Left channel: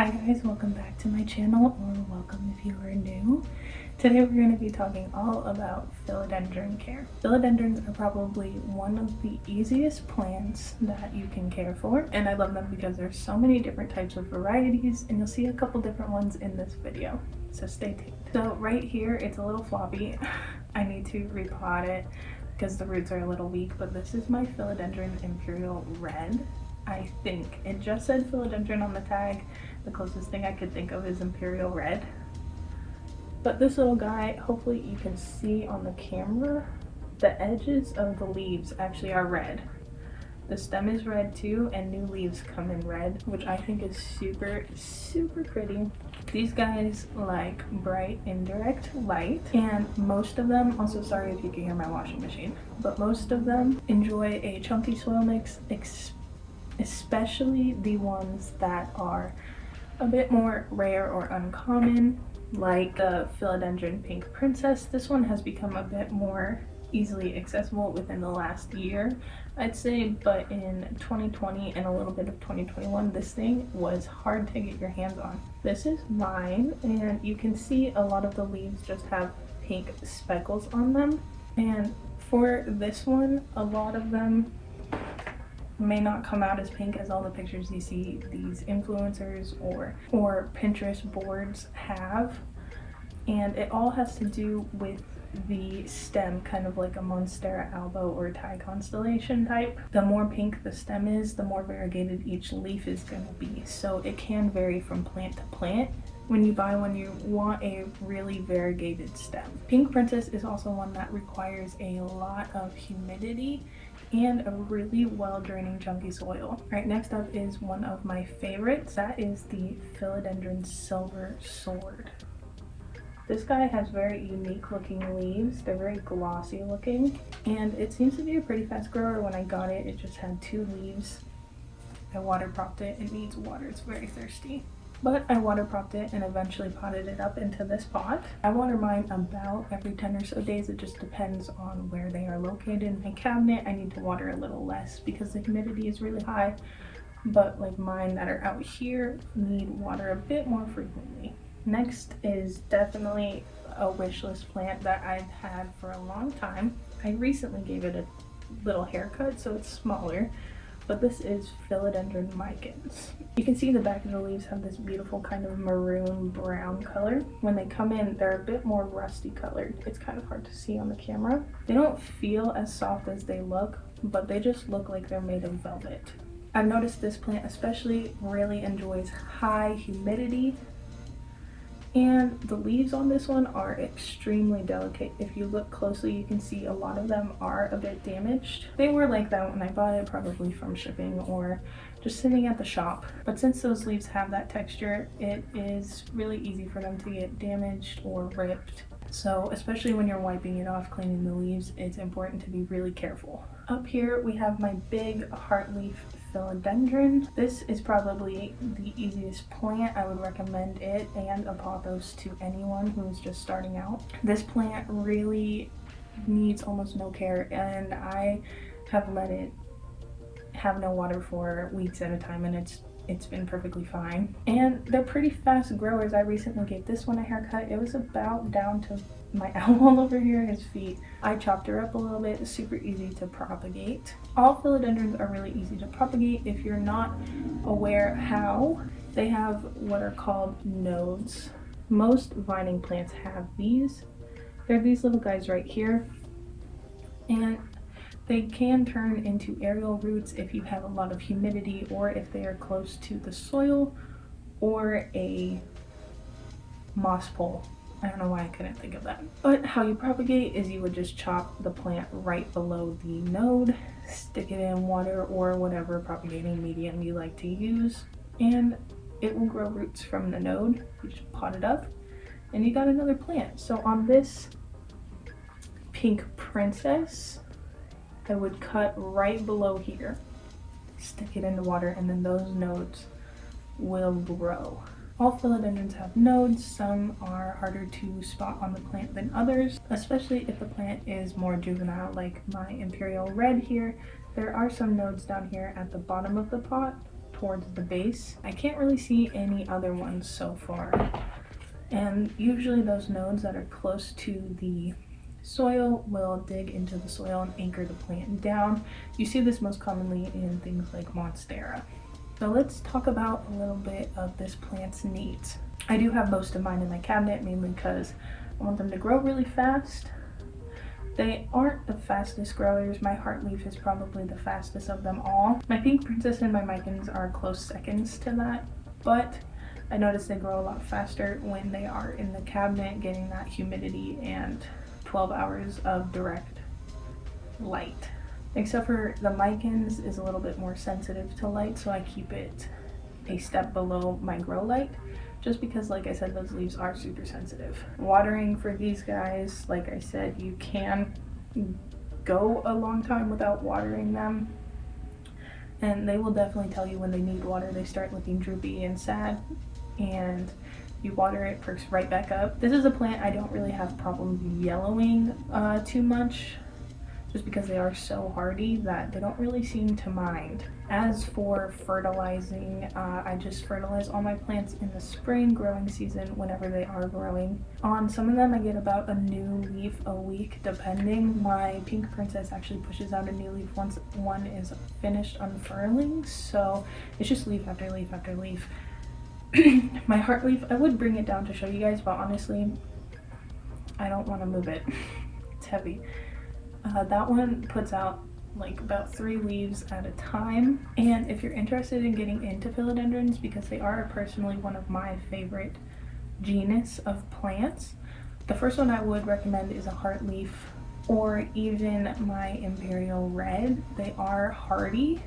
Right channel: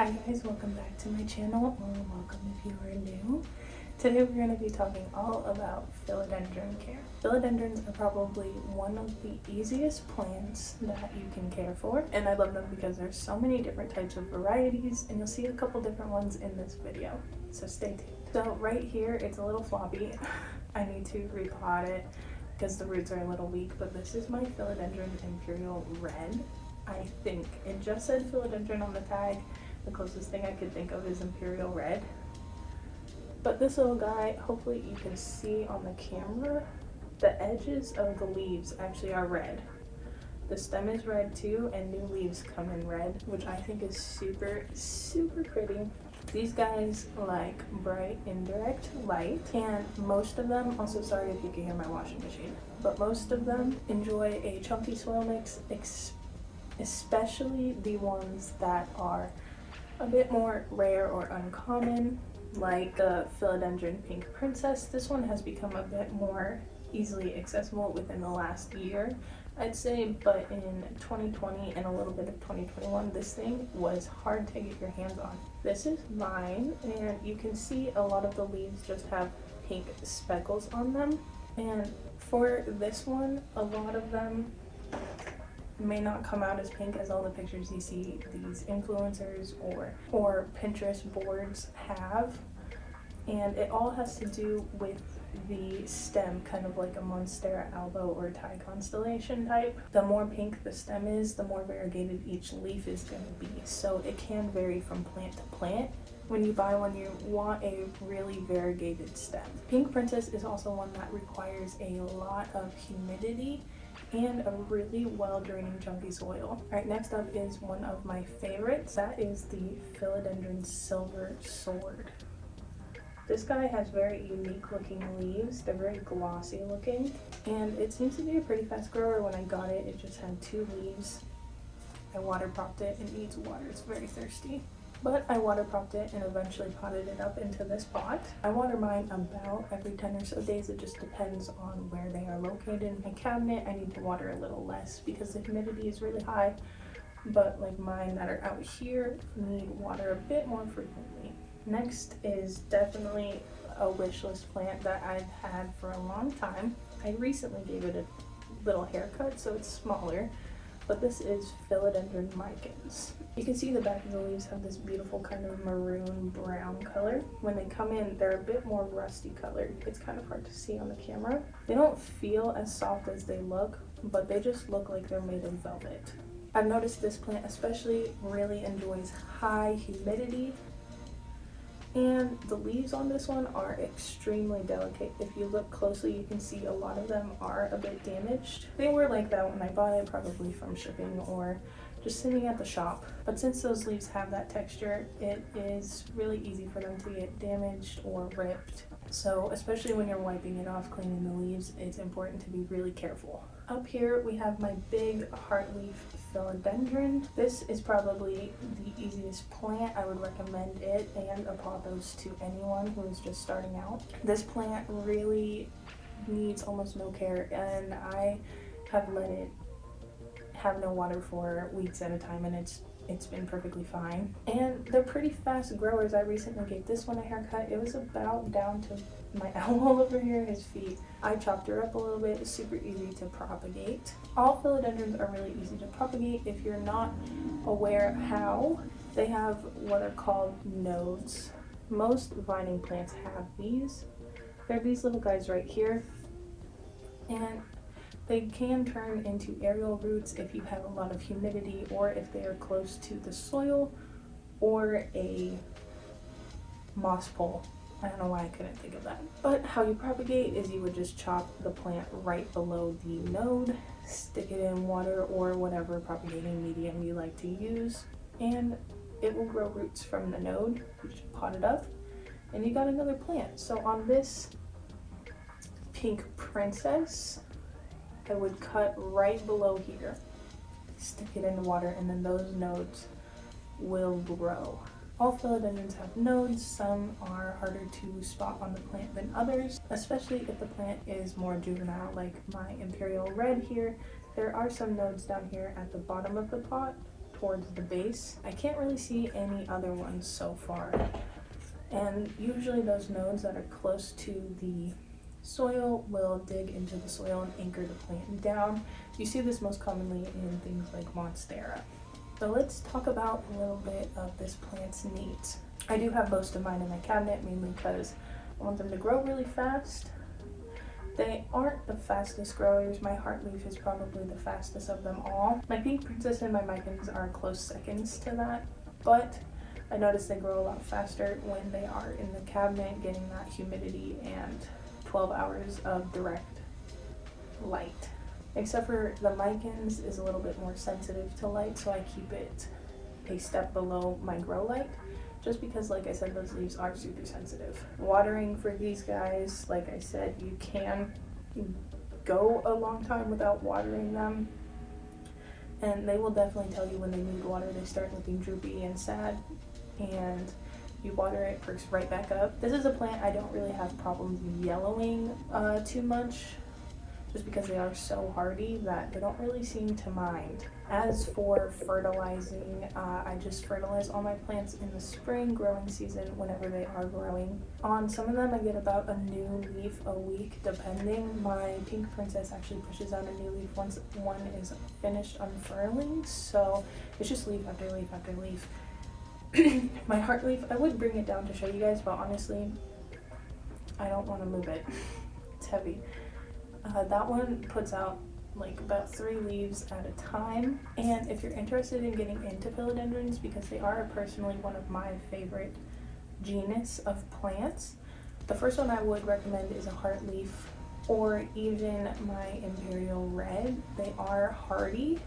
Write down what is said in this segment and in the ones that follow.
Hi guys, welcome back to my channel, or welcome if you are new. Today we're going to be talking all about philodendron care. Philodendrons are probably one of the easiest plants that you can care for, and I love them because there's so many different types of varieties, and you'll see a couple different ones in this video, so stay tuned. So right here, it's a little floppy. I need to repot it because the roots are a little weak, but this is my Philodendron Imperial Red. I think it just said philodendron on the tag. The closest thing I could think of is Imperial Red. But this little guy, hopefully you can see on the camera, the edges of the leaves actually are red. The stem is red too, and new leaves come in red, which I think is super, super pretty. These guys like bright indirect light, and most of them, also sorry if you can hear my washing machine, but most of them enjoy a chunky soil mix, especially the ones that are a bit more rare or uncommon, like the Philodendron Pink Princess. This one has become a bit more easily accessible within the last year, I'd say, but in 2020 and a little bit of 2021, this thing was hard to get your hands on. This is mine, and you can see a lot of the leaves just have pink speckles on them, and for this one, a lot of them may not come out as pink as all the pictures you see these influencers or Pinterest boards have, and it all has to do with the stem, kind of like a Monstera alba or Thai constellation type. The more pink the stem is, the more variegated each leaf is going to be, so it can vary from plant to plant. When you buy one, you want a really variegated stem. Pink Princess is also one that requires a lot of humidity and a really well draining chunky soil. Right, next up is one of my favorites. That is the Philodendron Silver Sword. This guy has very unique looking leaves. They're very glossy looking, and it seems to be a pretty fast grower. When I got it, it just had 2 leaves. I water propped it. It needs water, it's very thirsty. But I water propped it and eventually potted it up into this pot. I water mine about every 10 or so days. It just depends on where they are located. In my cabinet, I need to water a little less because the humidity is really high. But like mine that are out here need water a bit more frequently. Next is definitely a wish list plant that I've had for a long time. I recently gave it a little haircut, so it's smaller. But this is Philodendron micans. You can see the back of the leaves have this beautiful kind of maroon brown color. When they come in, they're a bit more rusty colored. It's kind of hard to see on the camera. They don't feel as soft as they look, but they just look like they're made of velvet. I've noticed this plant especially really enjoys high humidity, and the leaves on this one are extremely delicate. If you look closely, you can see a lot of them are a bit damaged. They were like that when I bought it, probably from shipping or just sitting at the shop. But since those leaves have that texture, it is really easy for them to get damaged or ripped. So especially when you're wiping it off, cleaning the leaves, it's important to be really careful. Up here we have my big heartleaf philodendron. This is probably the easiest plant. I would recommend it and a pothos to anyone who is just starting out. This plant really needs almost no care, and I have let it have no water for weeks at a time, and it's been perfectly fine. And they're pretty fast growers. I recently gave this one a haircut. It was about down to my elbow over here, his feet. I chopped her up a little bit. It's super easy to propagate. All philodendrons are really easy to propagate. If you're not aware how, they have what are called nodes. Most vining plants have these. They're these little guys right here, and they can turn into aerial roots if you have a lot of humidity, or if they are close to the soil, or a moss pole. I don't know why I couldn't think of that. But how you propagate is you would just chop the plant right below the node, stick it in water or whatever propagating medium you like to use, and it will grow roots from the node. You just pot it up and you got another plant. So on this Pink Princess, I would cut right below here, stick it in the water, and then those nodes will grow. All philodendrons have nodes. Some are harder to spot on the plant than others, especially if the plant is more juvenile, like my Imperial Red here. There are some nodes down here at the bottom of the pot towards the base. I can't really see any other ones so far. And usually those nodes that are close to the soil will dig into the soil and anchor the plant down. You see this most commonly in things like monstera. So let's talk about a little bit of this plant's needs. I do have most of mine in my cabinet, mainly because I want them to grow really fast. They aren't the fastest growers. My heartleaf is probably the fastest of them all. My pink princess and my micans are close seconds to that, but I notice they grow a lot faster when they are in the cabinet getting that humidity and 12 hours of direct light. Except for the micans is a little bit more sensitive to light, so I keep it a step below my grow light, just because, like I said, those leaves are super sensitive. Watering for these guys, like I said, you can go a long time without watering them, and they will definitely tell you when they need water. They start looking droopy and sad, and you water it, perks right back up. This is a plant I don't really have problems yellowing too much, just because they are so hardy that they don't really seem to mind. As for fertilizing, I just fertilize all my plants in the spring growing season whenever they are growing. On some of them I get about a new leaf a week depending. My pink princess actually pushes out a new leaf once one is finished unfurling, so it's just leaf after leaf after leaf. My heartleaf, I would bring it down to show you guys, but honestly I don't want to move it. It's heavy. That one puts out like about 3 leaves at a time, and if you're interested in getting into philodendrons, because they are personally one of my favorite genus of plants, the first one I would recommend is a heartleaf, or even my imperial red. They are hardy.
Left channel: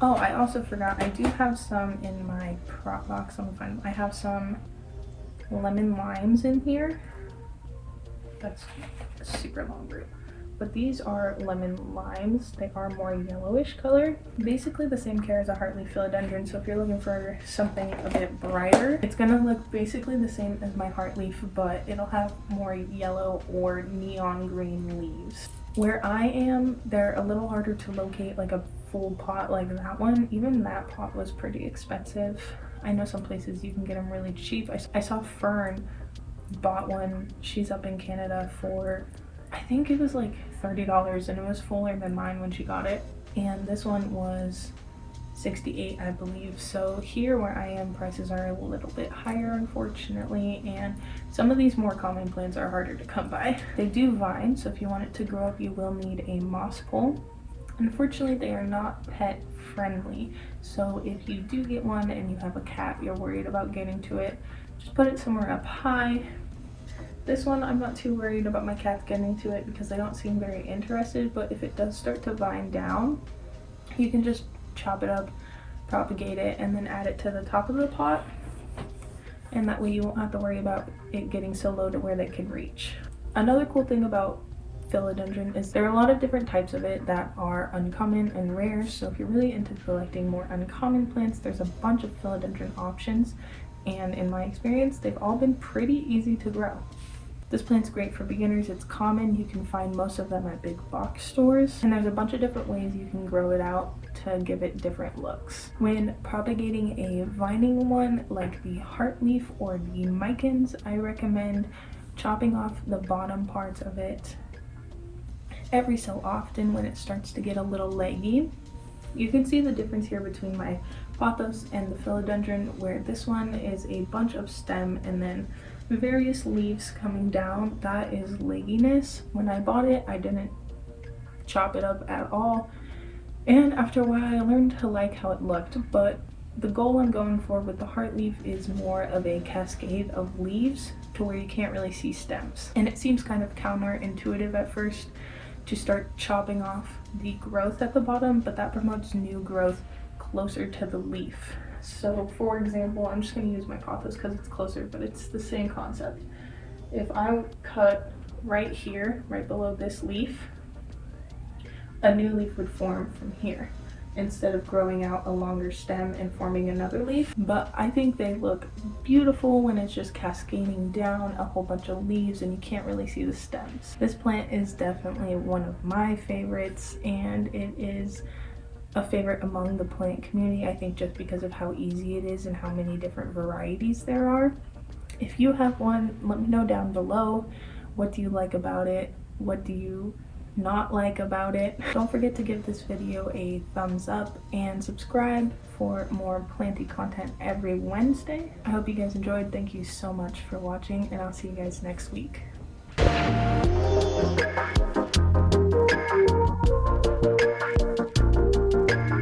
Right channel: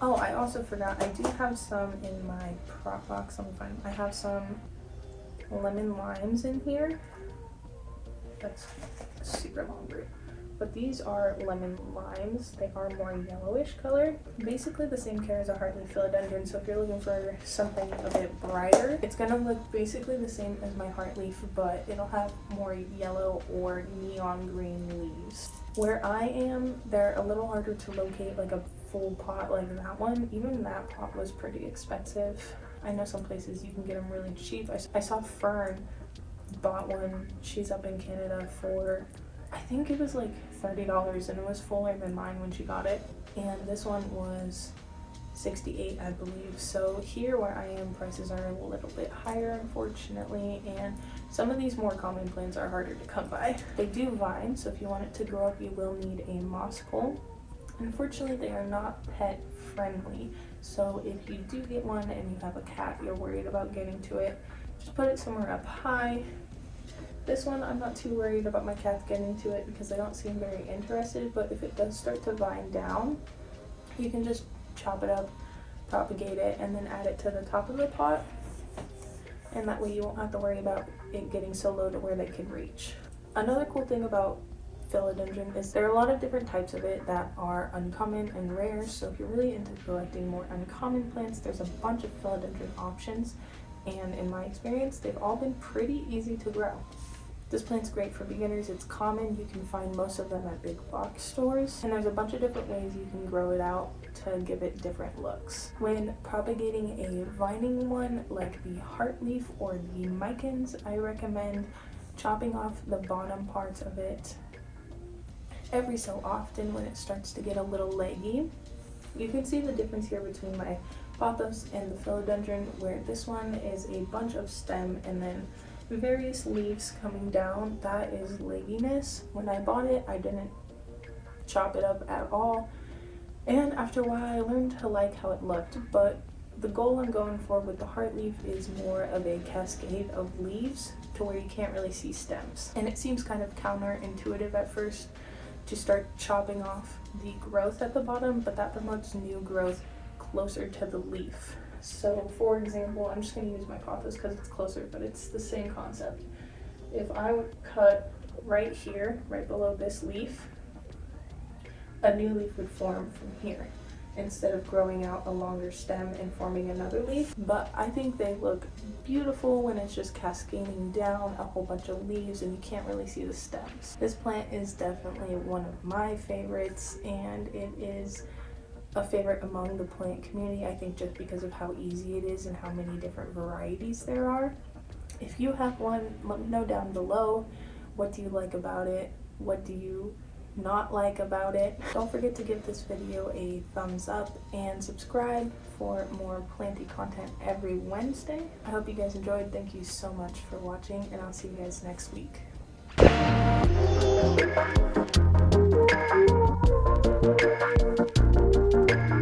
Oh, I also forgot, I do have some in my prop box. Let me find them. I have some lemon limes in here. That's a super long root. But these are lemon limes. They are more yellowish color. Basically the same care as a heartleaf philodendron, so if you're looking for something a bit brighter, it's gonna look basically the same as my heartleaf, but it'll have more yellow or neon green leaves. Where I am, they're a little harder to locate, like a full pot like that one. Even that pot was pretty expensive. I know some places you can get them really cheap. I saw Fern bought one. She's up in Canada for, I think it was like $30, and it was fuller than mine when she got it. And this one was $68, I believe. So here where I am, prices are a little bit higher, unfortunately, and some of these more common plants are harder to come by. They do vine, so if you want it to grow up, you will need a moss pole. Unfortunately, they are not pet friendly, so if you do get one and you have a cat you're worried about getting to it, just put it somewhere up high. This one I'm not too worried about my cats getting to it because they don't seem very interested, but if it does start to vine down, you can just chop it up, propagate it, and then add it to the top of the pot, and that way you won't have to worry about it getting so low to where they can reach. Another cool thing about philodendron is there are a lot of different types of it that are uncommon and rare, so if you're really into collecting more uncommon plants, there's a bunch of philodendron options, and in my experience they've all been pretty easy to grow. This plant's great for beginners. It's common. You can find most of them at big box stores, and there's a bunch of different ways you can grow it out to give it different looks. When propagating a vining one like the heartleaf or the micans, I recommend chopping off the bottom parts of it every so often when it starts to get a little leggy. You can see the difference here between my pothos and the philodendron, where this one is a bunch of stem and then various leaves coming down. That is legginess. When I bought it, I didn't chop it up at all, and after a while I learned to like how it looked. But the goal I'm going for with the heartleaf is more of a cascade of leaves to where you can't really see stems, and it seems kind of counterintuitive at first to start chopping off the growth at the bottom, but that promotes new growth closer to the leaf. So for example, I'm just going to use my pothos because it's closer, but it's the same concept. If I cut right here, right below this leaf, a new leaf would form from here instead of growing out a longer stem and forming another leaf. But I think they look beautiful when it's just cascading down a whole bunch of leaves and you can't really see the stems. This plant is definitely one of my favorites, and it is a favorite among the plant community, I think, just because of how easy it is and how many different varieties there are. If you have one, let me know down below. What do you like about it? What do you not like about it? Don't forget to give this video a thumbs up and subscribe for more planty content every Wednesday. I hope you guys enjoyed. Thank you so much for watching, and I'll see you guys next week.